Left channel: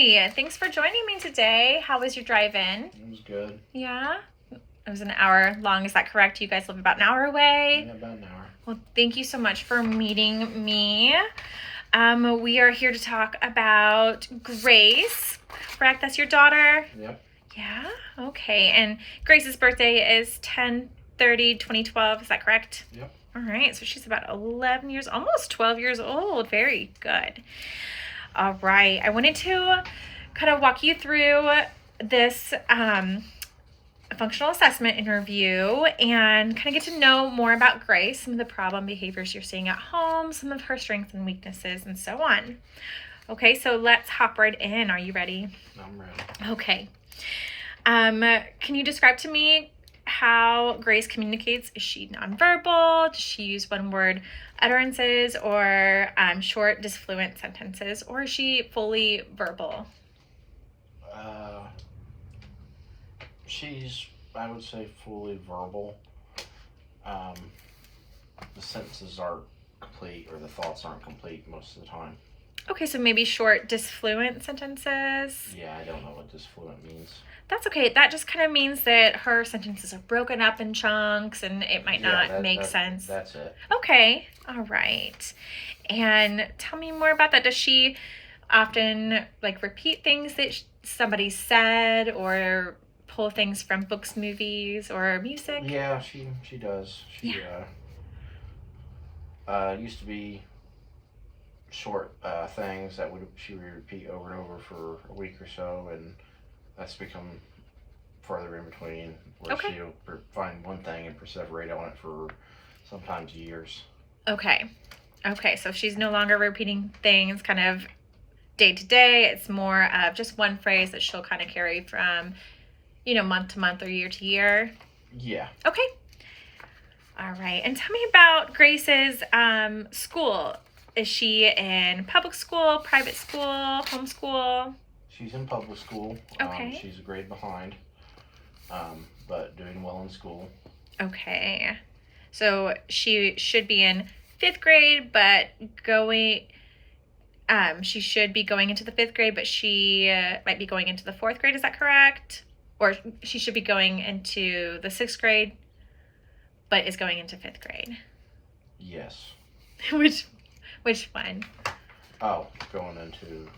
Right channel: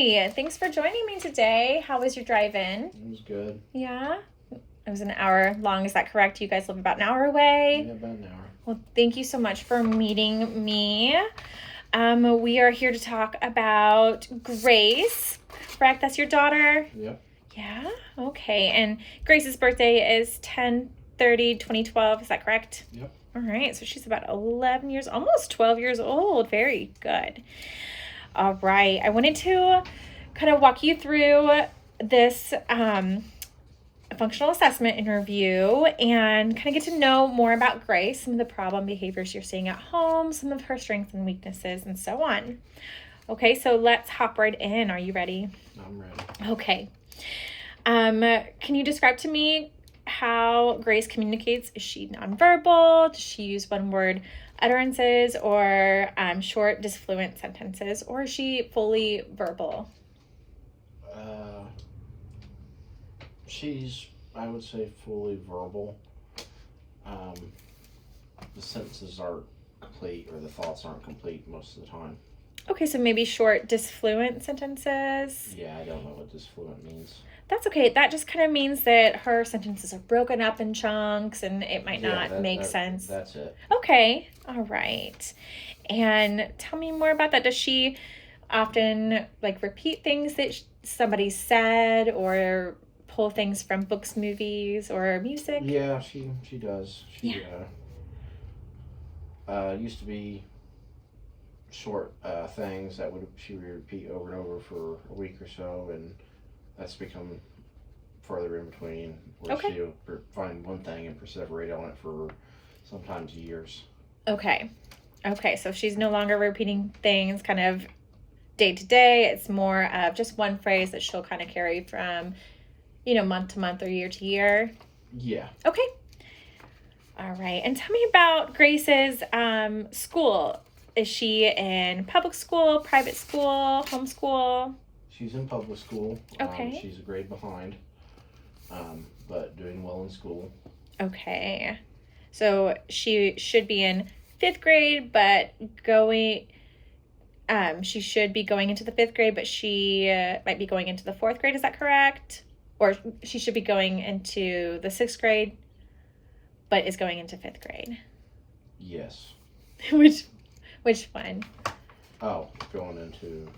Hi, thanks for joining me today. How was your drive-in? It was good. Yeah, it was an hour long. Is that correct? You guys live about an hour away? Yeah, about an hour. Well, thank you so much for meeting me. We are here to talk about Grace, correct? That's your daughter? Yep. Yeah, okay. And Grace's birthday is 10/30/2012. Is that correct? Yep. All right, so she's about 11 years, almost 12 years old. Very good. All right, I wanted to kind of walk you through this functional assessment interview and kind of get to know more about Grace, some of the problem behaviors you're seeing at home, some of her strengths and weaknesses, and so on. Okay, so let's hop right in. Are you ready? I'm ready. Okay. Can you describe to me how Grace communicates? Is she nonverbal? Does she use one-word utterances or short, disfluent sentences? Or is she fully verbal? She's, I would say, fully verbal. The sentences aren't complete, or the thoughts aren't complete most of the time. Okay, so maybe short, disfluent sentences. Yeah, I don't know what disfluent means. That's okay. That just kind of means that her sentences are broken up in chunks and it might not make sense. That's it. Okay, all right. And tell me more about that. Does she often repeat things that somebody said or pull things from books, movies, or music? Yeah, she does. She used to be short things that she would repeat over and over for a week or so, and that's become further in between, where she'll find one thing and perseverate on it for sometimes years. Okay, so she's no longer repeating things kind of day to day. It's more of just one phrase that she'll kind of carry from, month to month or year to year. Yeah. Okay. All right, and tell me about Grace's school. Is she in public school, private school, homeschool? She's in public school. Okay. She's a grade behind, but doing well in school. Okay. So she should be in 5th grade, but she should be going into the 5th grade, but she might be going into the 4th grade. Is that correct? Or she should be going into the 6th grade, but is going into 5th grade. Yes. Which one? Oh, going into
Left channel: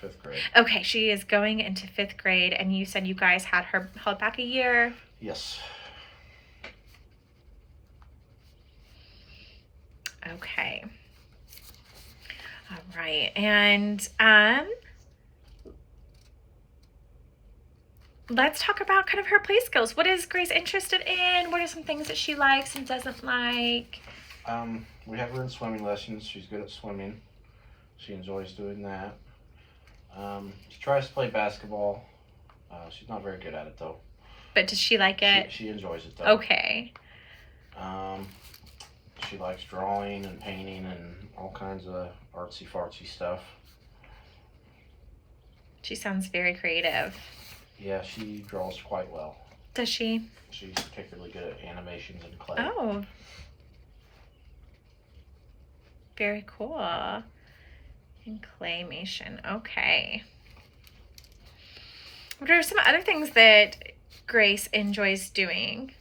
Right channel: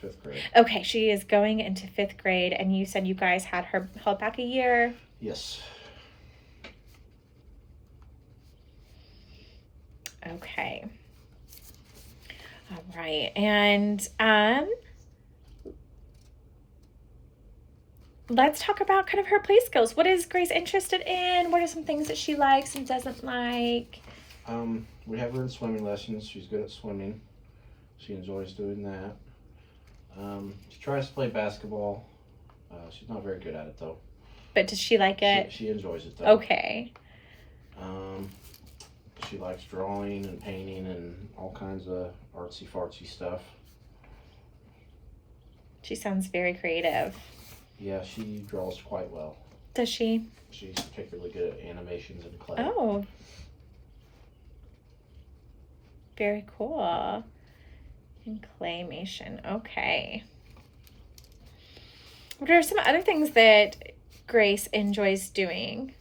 5th grade. Okay, she is going into 5th grade, and you said you guys had her held back a year. Yes. Okay. All right, and let's talk about kind of her play skills. What is Grace interested in? What are some things that she likes and doesn't like? We have her in swimming lessons. She's good at swimming. She enjoys doing that. She tries to play basketball. She's not very good at it, though. But does she like it? She enjoys it, though. Okay. She likes drawing and painting and all kinds of artsy-fartsy stuff. She sounds very creative. Yeah, she draws quite well. Does she? She's particularly good at animations and clay. Oh. Very cool. And claymation. Okay. What are some other things that Grace enjoys doing?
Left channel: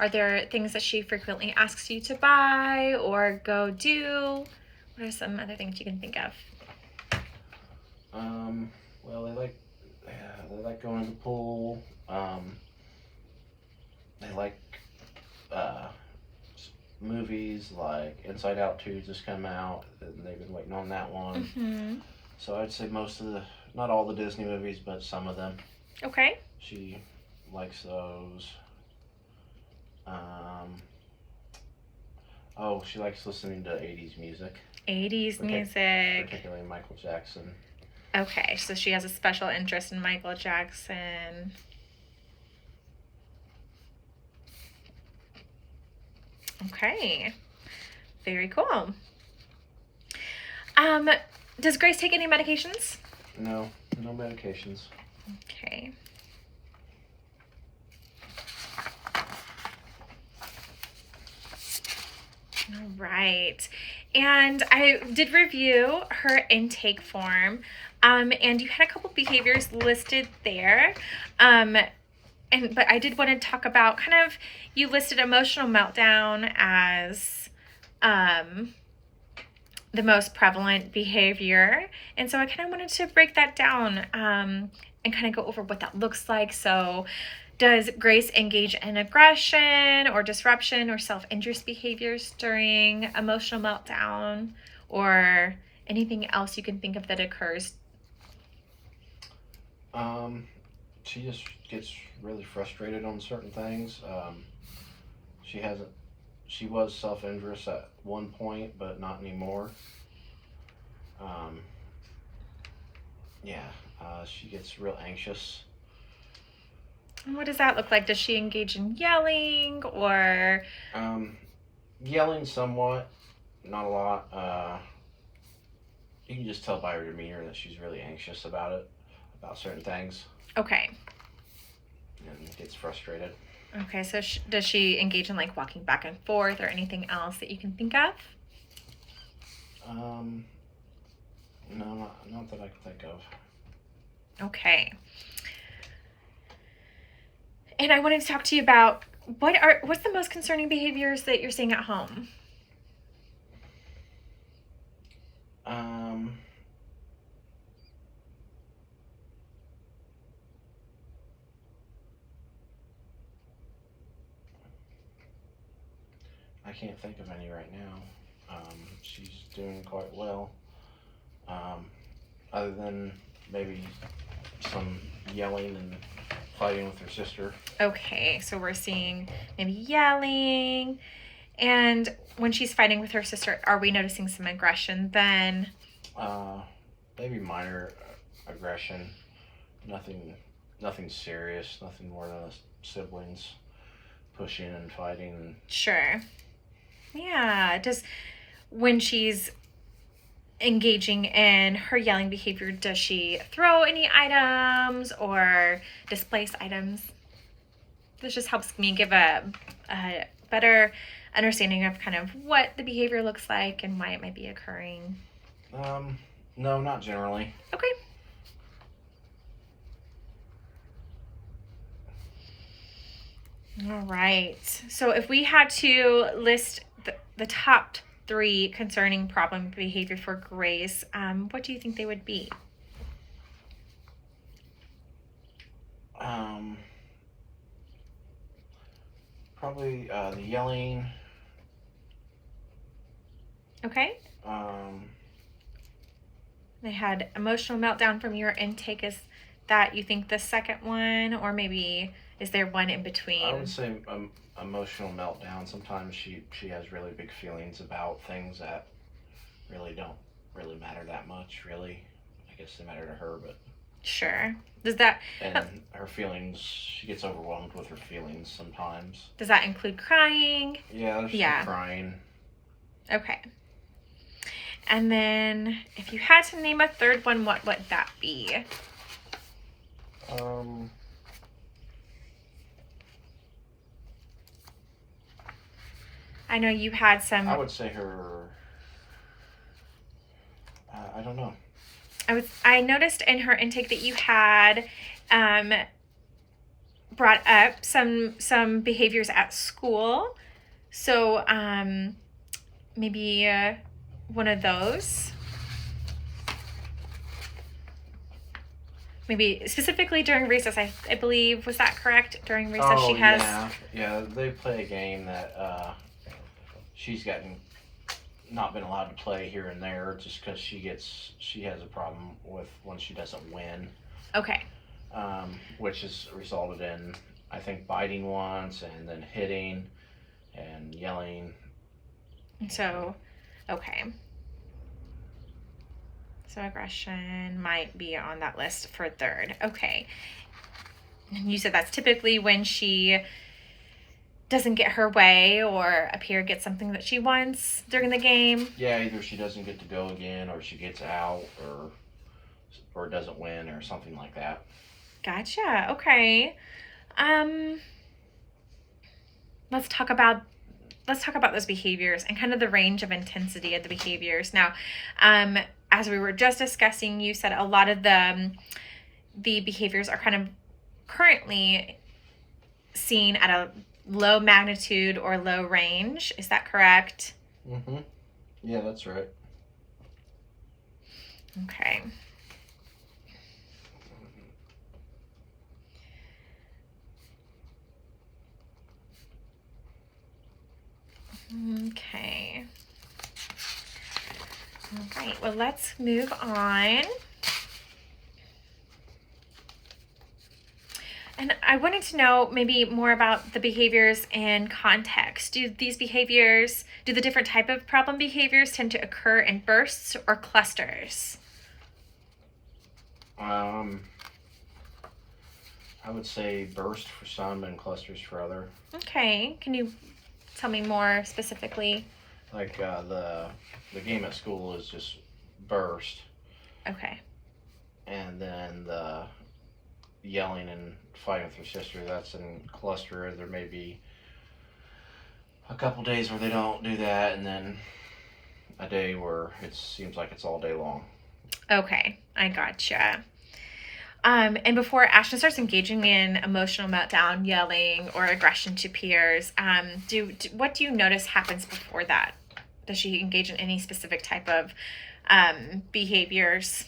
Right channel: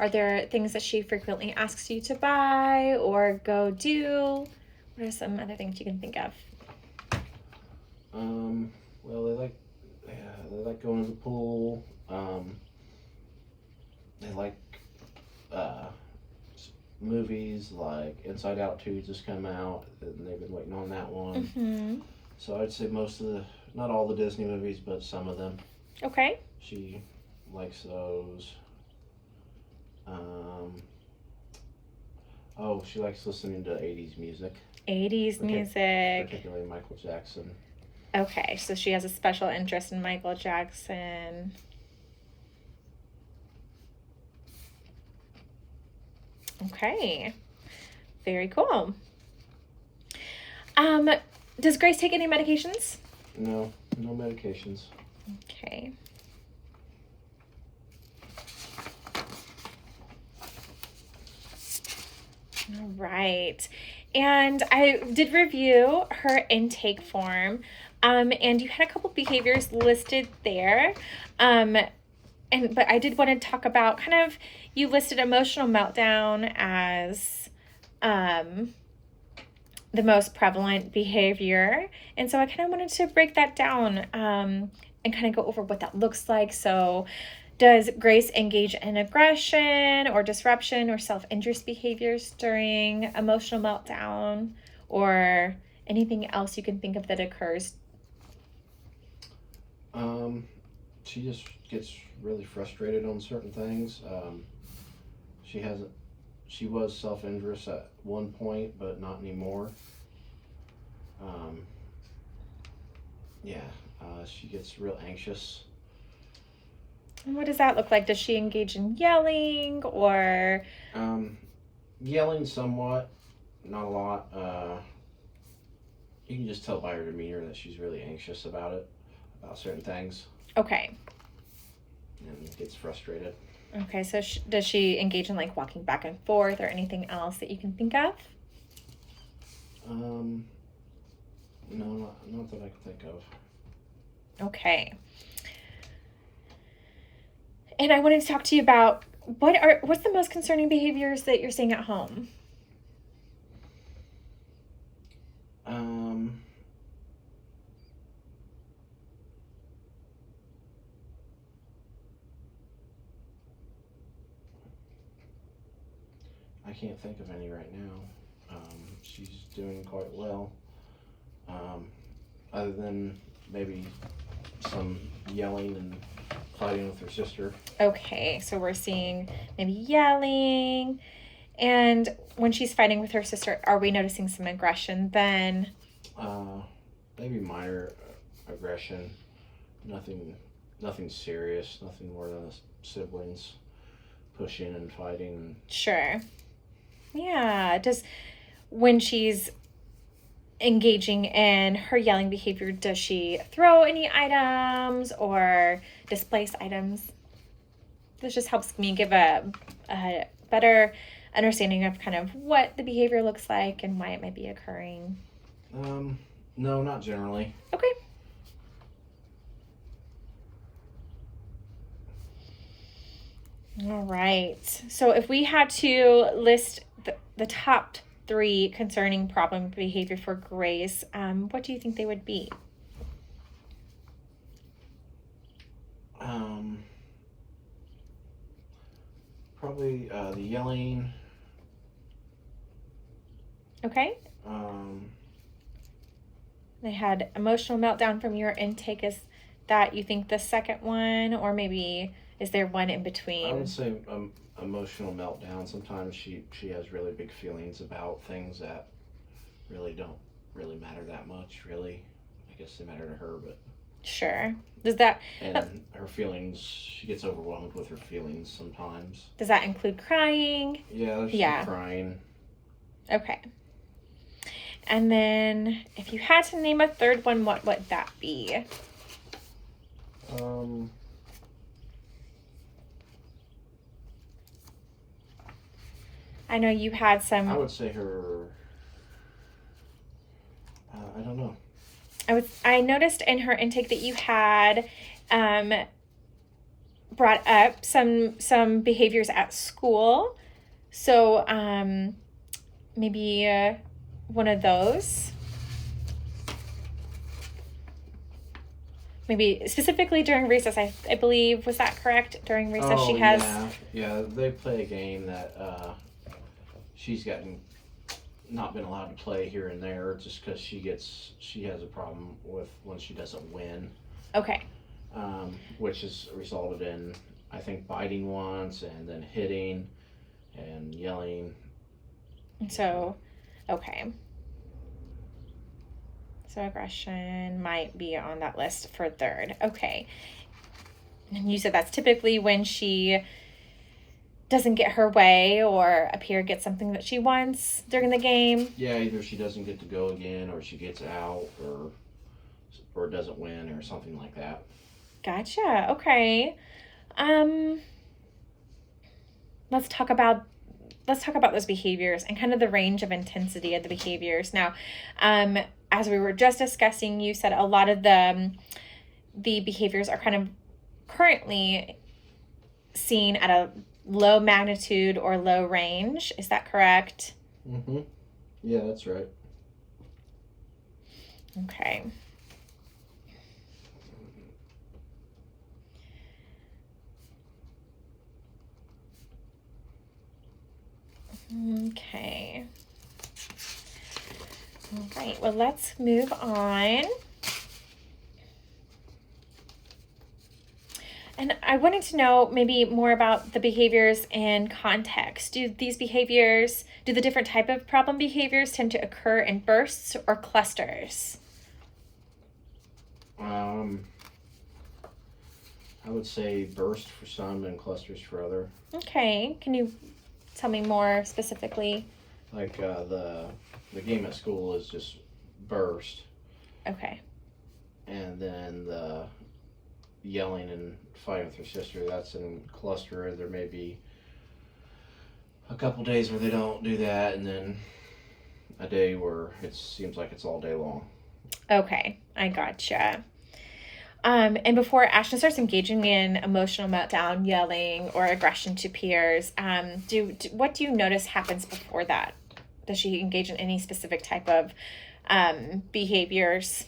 Are there things that she frequently asks you to buy or go do? What are some other things you can think of? Well, they like going to the pool. They like movies like Inside Out 2 just come out, and they've been waiting on that one. Mm-hmm. So I'd say not all the Disney movies, but some of them. Okay. She likes those. She likes listening to 80s music. 80s music. Particularly Michael Jackson. Okay, so she has a special interest in Michael Jackson. Okay, very cool. Does Grace take any medications? No medications. Okay. All right. And I did review her intake form. And you had a couple behaviors listed there. But I did want to talk about kind of, you listed emotional meltdown as the most prevalent behavior. And so I kind of wanted to break that down and kind of go over what that looks like. So does Grace engage in aggression or disruption or self-injurious behaviors during emotional meltdown, or anything else you can think of that occurs? She just gets really frustrated on certain things. She was self-injurious at one point, but not anymore. Um, yeah, she gets real anxious. And what does that look like? Does she engage in yelling or? Yelling somewhat, not a lot. You can just tell by her demeanor that she's really anxious about certain things. Okay. And gets frustrated. Okay, so does she engage in like walking back and forth or anything else that you can think of? No, not that I can think of. Okay. And I wanted to talk to you about what's the most concerning behaviors that you're seeing at home? I can't think of any right now. She's doing quite well. Other than maybe some yelling and fighting with her sister. Okay, so we're seeing maybe yelling. And when she's fighting with her sister, are we noticing some aggression then? Maybe minor aggression. Nothing serious. Nothing more than siblings pushing and fighting. Sure. Yeah. When she's engaging in her yelling behavior, does she throw any items or displace items? This just helps me give a better understanding of kind of what the behavior looks like and why it might be occurring. No, not generally. Okay. All right. So if we had to list the top 3 concerning problem behavior for Grace, what do you think they would be? Probably the yelling. Okay. They had emotional meltdown from your intake. Is that, you think, the second one, or maybe is there one in between? I would say emotional meltdown. Sometimes she has really big feelings about things that really don't really matter that much, really. I guess they matter to her, but... Sure. Does that... And her feelings, she gets overwhelmed with her feelings sometimes. Does that include crying? Yeah, there's some crying. Okay. And then, if you had to name a third one, what would that be? I know you had some... I would say her... I don't know. I noticed in her intake that you had brought up some behaviors at school. So maybe one of those. Maybe specifically during recess, I believe, was that correct? During recess, she has... Yeah, they play a game that she's not been allowed to play here and there just because she has a problem with when she doesn't win. Okay. Which has resulted in, I think, biting once and then hitting and yelling. So, okay. So aggression might be on that list for third. Okay. And you said that's typically when she doesn't get her way or appear get something that she wants during the game. Yeah, either she doesn't get to go again, or she gets out, or doesn't win, or something like that. Gotcha. Okay. Let's talk about let's talk about those behaviors and kind of the range of intensity of the behaviors. Now, as we were just discussing, you said a lot of the behaviors are kind of currently seen at a low magnitude or low range. Is that correct? Mm-hmm. Yeah, that's right. Okay. Okay. All right, well, let's move on. And I wanted to know maybe more about the behaviors in context. Do the different type of problem behaviors tend to occur in bursts or clusters? I would say burst for some and clusters for other. Okay, can you tell me more specifically? Like the game at school is just burst. Okay. And then the yelling and fighting with her sister, that's in cluster. There may be a couple days where they don't do that, and then a day where it seems like it's all day long. Okay, I gotcha. And before Ashton starts engaging in emotional meltdown, yelling, or aggression to peers, what do you notice happens before that? Does she engage in any specific type of behaviors?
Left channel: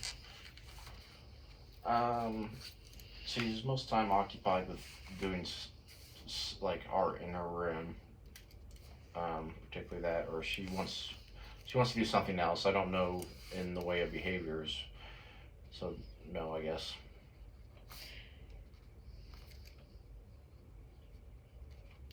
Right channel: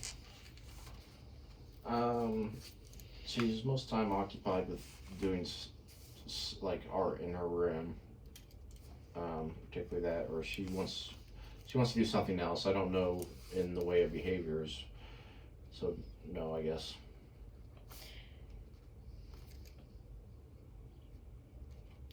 She's most time occupied with doing like art in her room, particularly that, or she wants to do something else. I don't know in the way of behaviors, so no, I guess.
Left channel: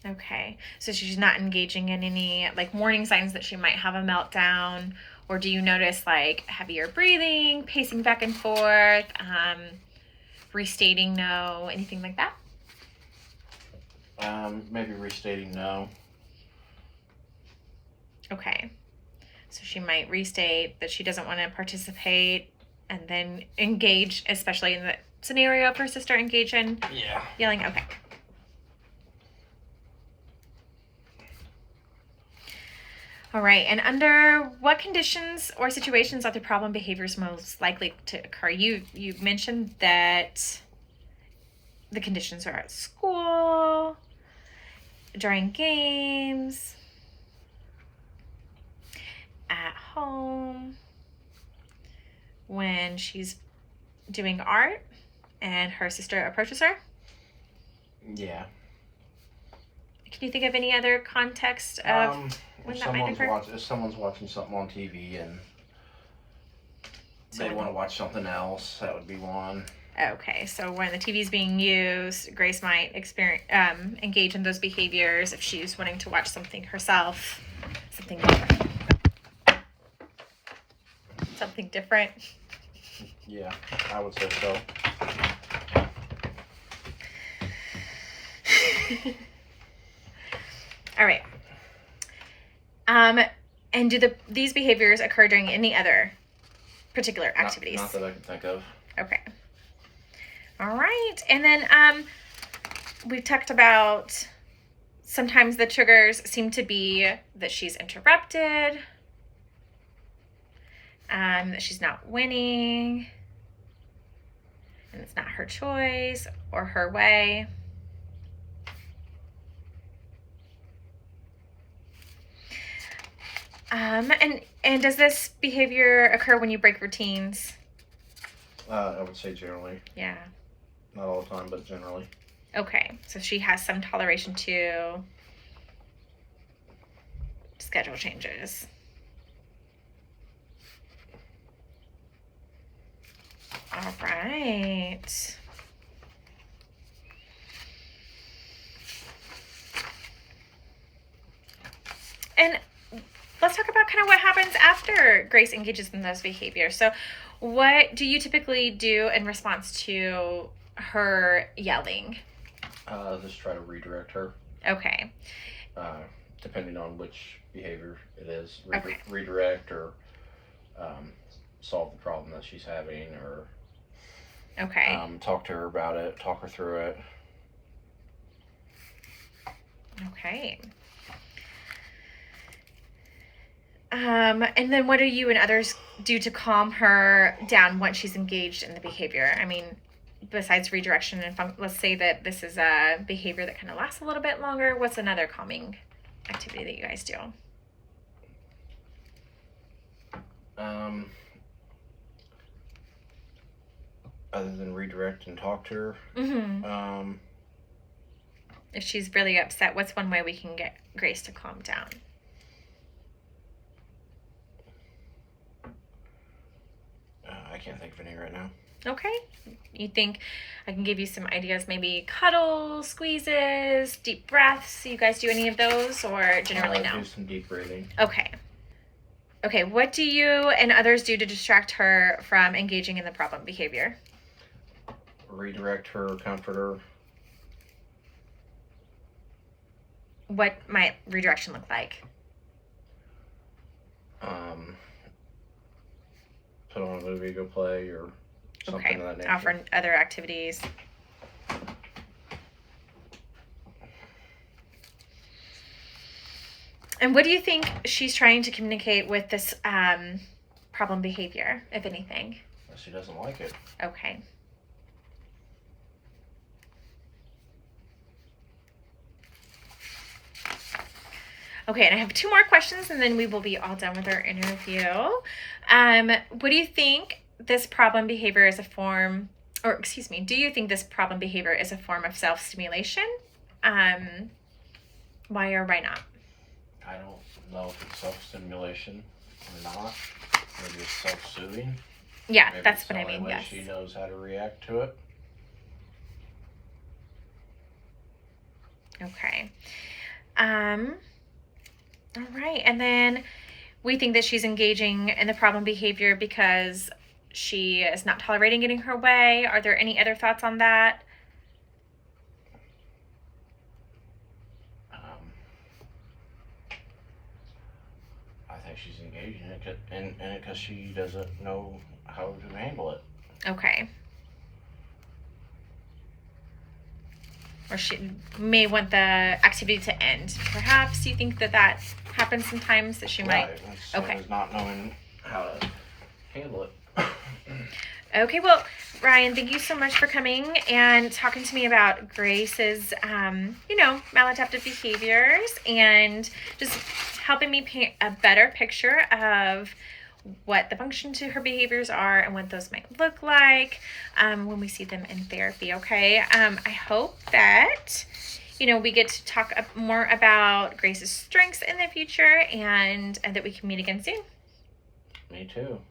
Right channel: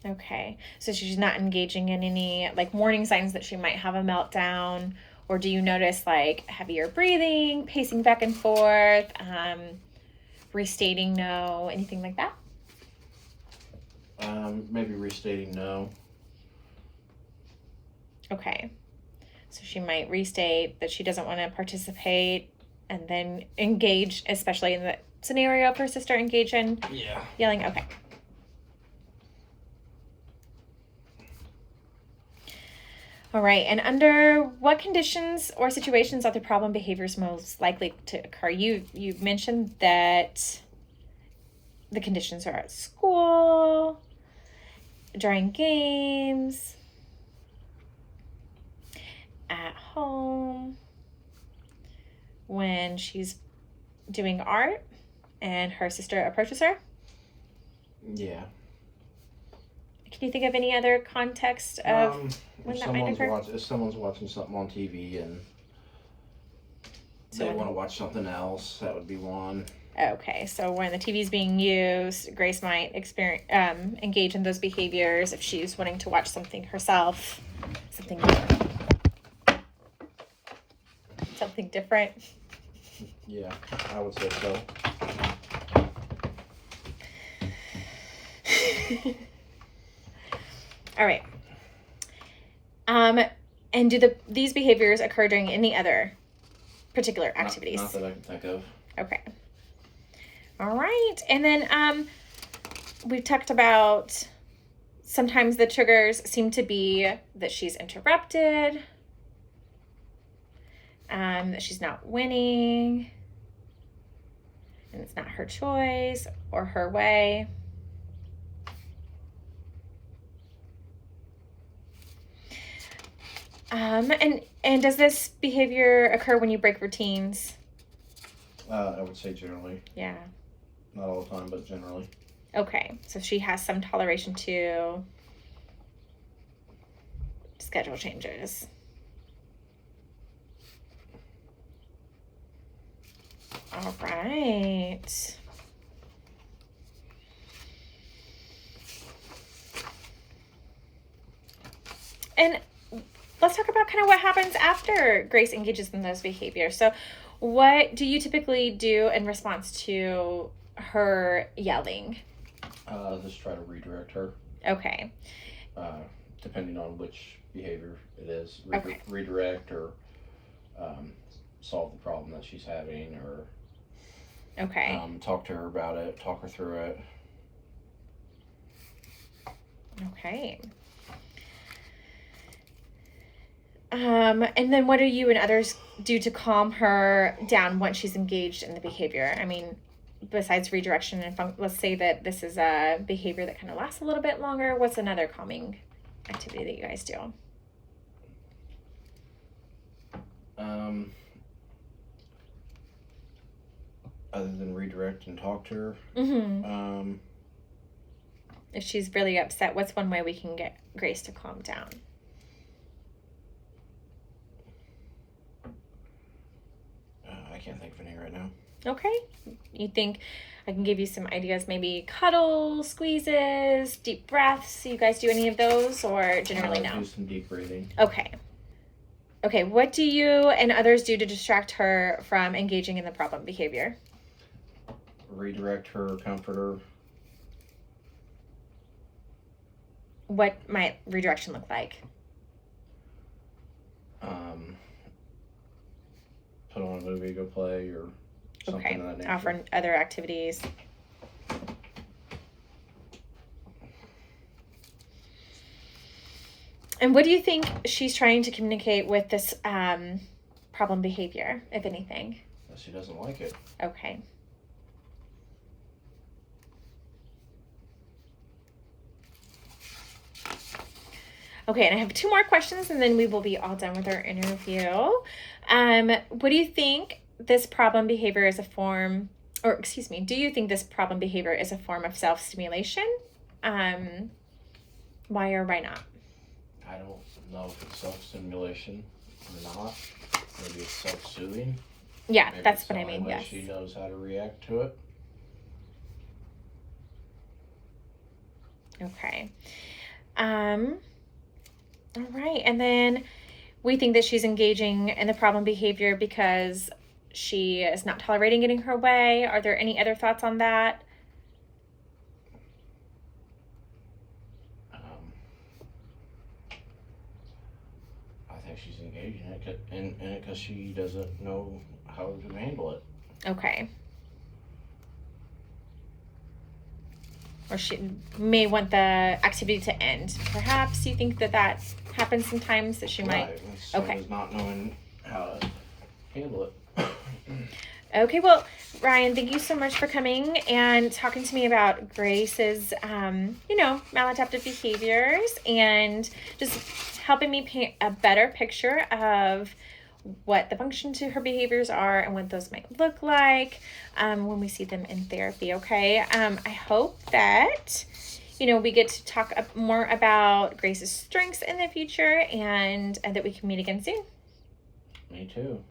Okay, so she's not engaging in any like warning signs that she might have a meltdown, or do you notice like heavier breathing, pacing back and forth, restating no, anything like that? Maybe restating no. Okay, so she might restate that she doesn't want to participate and then engage, especially in the scenario of her sister engage in yelling. Okay. All right, and under what conditions or situations are the problem behaviors most likely to occur? You mentioned that the conditions are at school, during games, at home, when she's doing art and her sister approaches her. Yeah. Can you think of any other context of when that might occur? If someone's watching something on TV and they want to watch something else, that would be one. Okay, so when the TV is being used, Grace might engage in those behaviors if she's wanting to watch something herself, something different. Yeah, I would say so. All right. And do these behaviors occur during any other particular activities? Not that I can think of. Okay. All right. And then we've talked about sometimes the triggers seem to be that she's interrupted, that she's not winning, and it's not her choice or her way. And does this behavior occur when you break routines? I would say generally. Yeah. Not all the time, but generally. Okay, so she has some toleration to schedule changes. All right. And let's talk about kind of what happens after Grace engages in those behaviors. So what do you typically do in response to her yelling? Just try to redirect her. Okay. Depending on which behavior it is. Okay. Redirect or solve the problem that she's having, or okay. Talk to her about it, talk her through it. Okay. And then what do you and others do to calm her down once she's engaged in the behavior? I mean, besides redirection and let's say that this is a behavior that kind of lasts a little bit longer. What's another calming activity that you guys do? Other than redirect and talk to her, if she's really upset, what's one way we can get Grace to calm down? I can't think of any right now. Okay. You think I can give you some ideas? Maybe cuddles, squeezes, deep breaths. You guys do any of those, or generally no? Do some deep breathing. Okay. Okay. What do you and others do to distract her from engaging in the problem behavior? Redirect her, comfort her. What might redirection look like? Put on a movie, go play, or something of that nature. Offer other activities. And what do you think she's trying to communicate with this problem behavior, if anything? She doesn't like it. Okay. Okay, and I have 2 more questions, and then we will be all done with our interview. What do you think this problem behavior is a form, or excuse me, do you think this problem behavior is a form of self-stimulation? Why or why not? I don't know if it's self-stimulation or not. Maybe it's self-soothing. Yeah, Maybe that's it's what I the mean, only way yes. She knows how to react to it. Okay. All right, and then we think that she's engaging in the problem behavior because she is not tolerating getting her way. Are there any other thoughts on that? I think she's engaging in it because she doesn't know how to handle it. Okay. Or she may want the activity to end. Perhaps you think that that happens sometimes, that she might. Right. Okay. It's not knowing how to handle it. Okay, well, Ryan, thank you so much for coming and talking to me about Grace's, maladaptive behaviors and just helping me paint a better picture of what the function to her behaviors are and what those might look like when we see them in therapy, okay? I hope that, we get to talk more about Grace's strengths in the future and that we can meet again soon. Me too.